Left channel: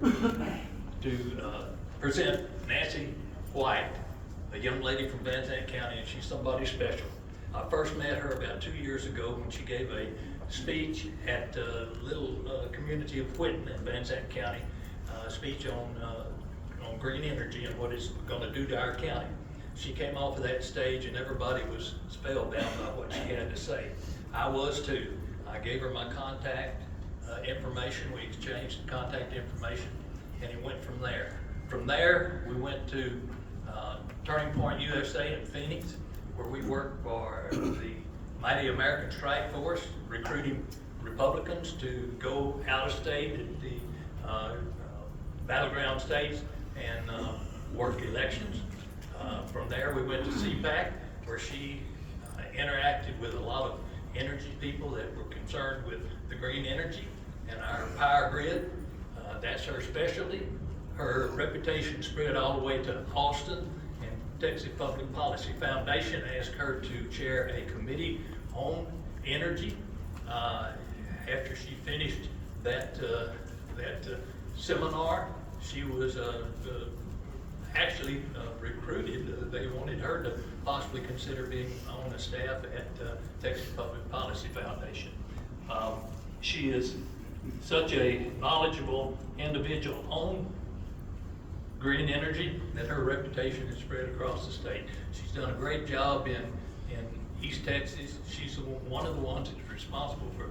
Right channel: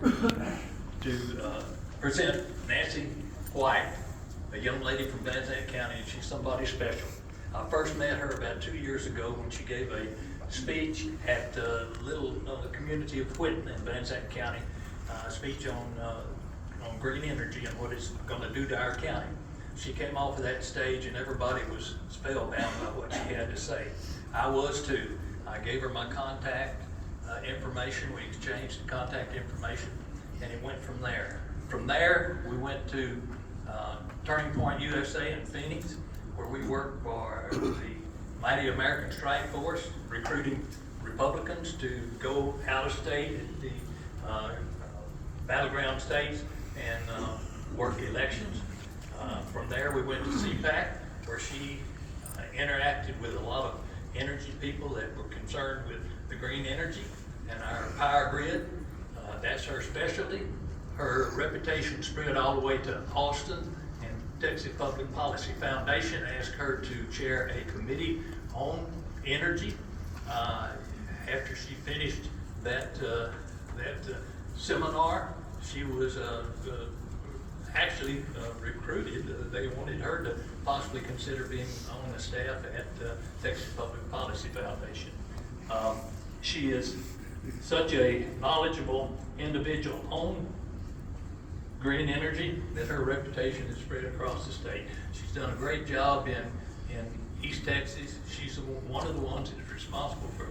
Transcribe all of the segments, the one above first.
to present Nancy White, a young lady from Van Zandt County, and she's somebody special. I first met her about 2 years ago when she gave a speech at the little community of Whitten in Van Zandt County, a speech on green energy and what it's going to do to our county. She came off of that stage and everybody was spellbound by what she had to say. I was too. I gave her my contact information. We exchanged contact information, and it went from there. From there, we went to Turning Point USA in Phoenix, where we work for the Mighty American Strike Force, recruiting Republicans to go out of state at the battleground states and work elections. From there, we went to CPAC, where she interacted with a lot of energy people that were concerned with the green energy and our power grid. That's her specialty. Her reputation spread all the way to Austin, and Texas Public Policy Foundation asked her to chair a committee on energy. After she finished that seminar, she was actually recruited. They wanted her to possibly consider being on the staff at Texas Public Policy Foundation. She is such a knowledgeable individual on green energy that her reputation is spread across the state. She's done a great job in East Texas. She's one of the ones that is responsible for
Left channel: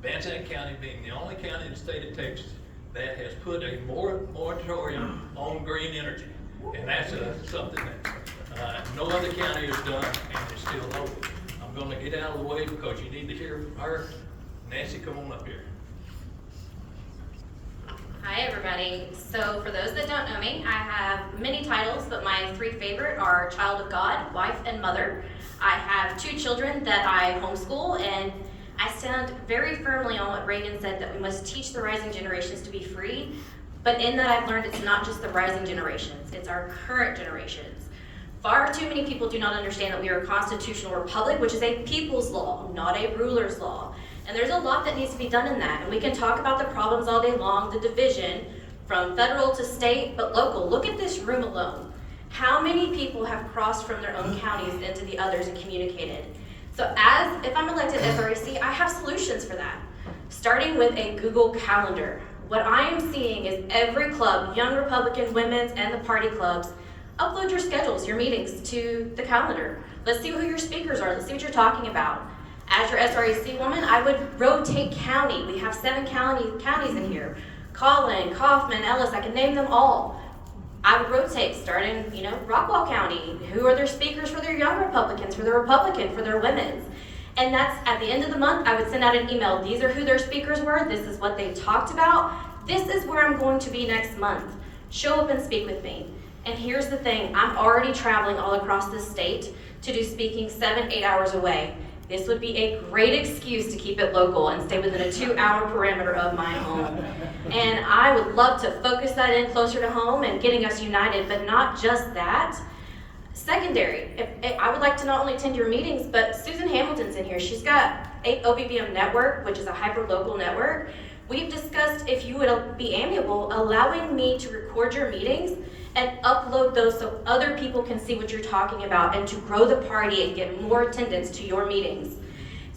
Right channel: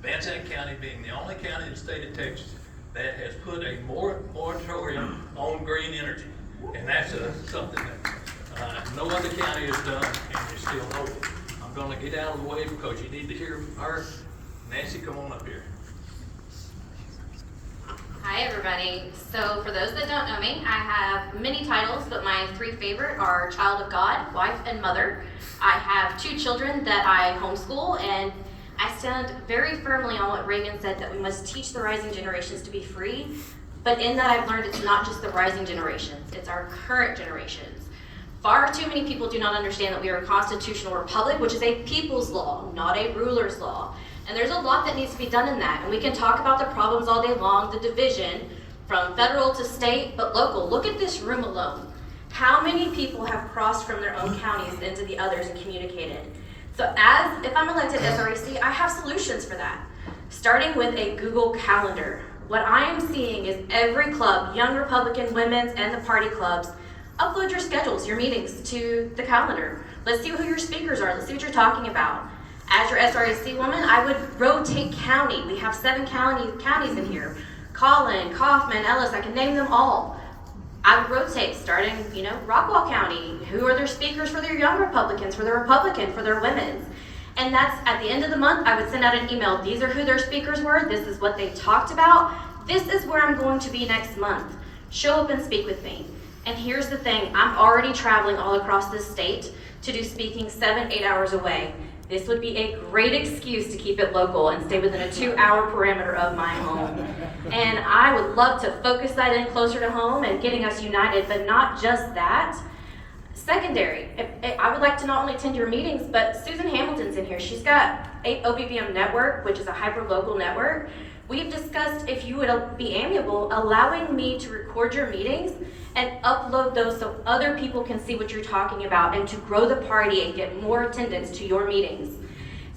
Van Zandt County being the only county in the state of Texas that has put a moratorium on green energy. And that's something that no other county has done, and it's still open. I'm going to get out of the way because you need to hear from her. Nancy, come on up here. Hi everybody. So for those that don't know me, I have many titles, but my three favorite are Child of God, Wife, and Mother. I have 2 children that I homeschool, and I stand very firmly on what Reagan said, that we must teach the rising generations to be free. But in that, I've learned it's not just the rising generations, it's our current generations. Far too many people do not understand that we are a constitutional republic, which is a people's law, not a ruler's law. And there's a lot that needs to be done in that. And we can talk about the problems all day long, the division from federal to state, but local. Look at this room alone. How many people have crossed from their own counties into the others and communicated? So if I'm elected SRAC, I have solutions for that. Starting with a Google Calendar. What I am seeing is every club, Young Republican, Women's, and the party clubs, upload your schedules, your meetings to the calendar. Let's see who your speakers are. Let's see what you're talking about. As your SRAC woman, I would rotate county. We have 7 counties in here. Collin, Kaufman, Ellis, I can name them all. I would rotate, starting, Rockwall County. Who are their speakers for their Young Republicans, for their Republican, for their Women's? And that's at the end of the month, I would send out an email. These are who their speakers were. This is what they talked about. This is where I'm going to be next month. Show up and speak with me. And here's the thing, I'm already traveling all across this state to do speaking 7-8 hours away. This would be a great excuse to keep it local and stay within a 2-hour parameter of my home. And I would love to focus that in closer to home and getting us united, but not just that. Secondary, I would like to not only attend your meetings, but Susan Hamilton's in here. She's got OBBM Network, which is a hyper-local network. We've discussed, if you would be amiable, allowing me to record your meetings and upload those so other people can see what you're talking about and to grow the party and get more attendance to your meetings.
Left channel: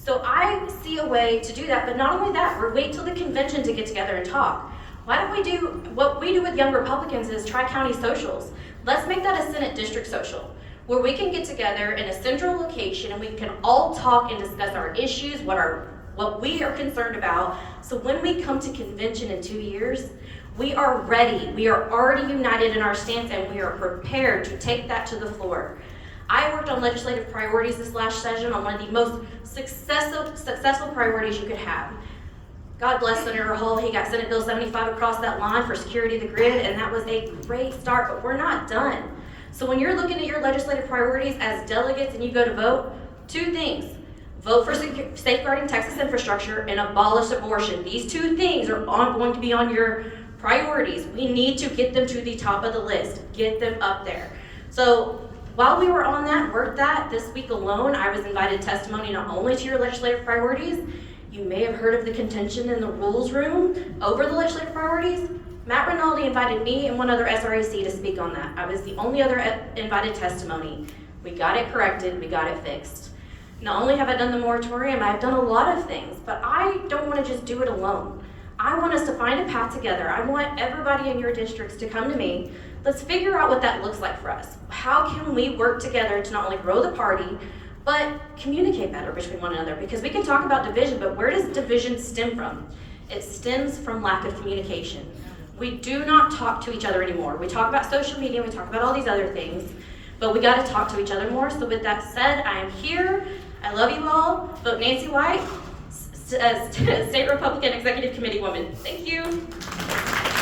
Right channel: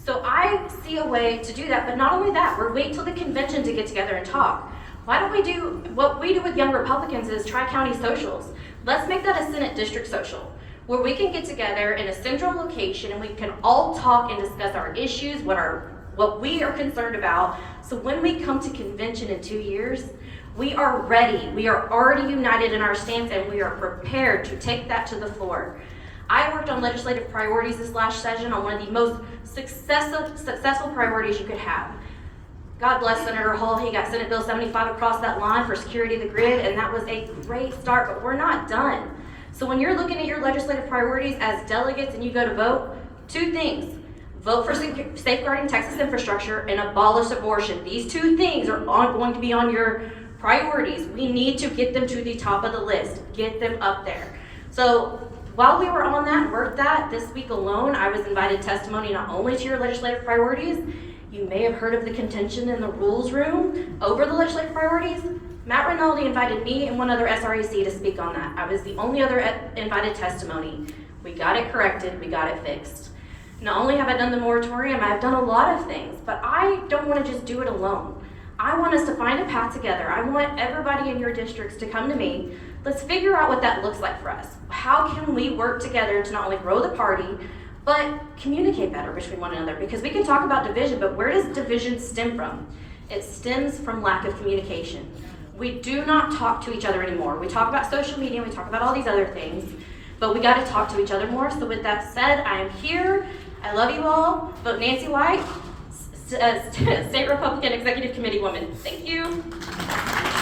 So I see a way to do that, but not only that, we're waiting till the convention to get together and talk. Why don't we do, what we do with Young Republicans is Tri-County Socials. Let's make that a Senate District Social, where we can get together in a central location and we can all talk and discuss our issues, what we are concerned about. So when we come to convention in 2 years, we are ready. We are already united in our stance and we are prepared to take that to the floor. I worked on legislative priorities this last session on one of the most successful priorities you could have. God bless Senator Hall. He got Senate Bill 75 across that line for security of the grid, and that was a great start, but we're not done. So when you're looking at your legislative priorities as delegates and you go to vote, 2 things. Vote for safeguarding Texas infrastructure and abolish abortion. These 2 things are going to be on your priorities. We need to get them to the top of the list. Get them up there. So while we were on that, worked that, this week alone, I was invited testimony not only to your legislative priorities. You may have heard of the contention in the rules room over the legislative priorities. Matt only invited me and one other SRAC to speak on that. I was the only other invited testimony. We got it corrected, we got it fixed. Not only have I done the moratorium, I've done a lot of things, but I don't want to just do it alone. I want us to find a path together. I want everybody in your districts to come to me. Let's figure out what that looks like for us. How can we work together to not only grow the party, but communicate better between one another? Because we can talk about division, but where does division stem from? It stems from lack of communication. We do not talk to each other anymore. We talk about social media, we talk about all these other things, but we gotta talk to each other more. So with that said, I am here. I love you all. Vote Nancy White, State Republican Executive Committee woman. Thank you.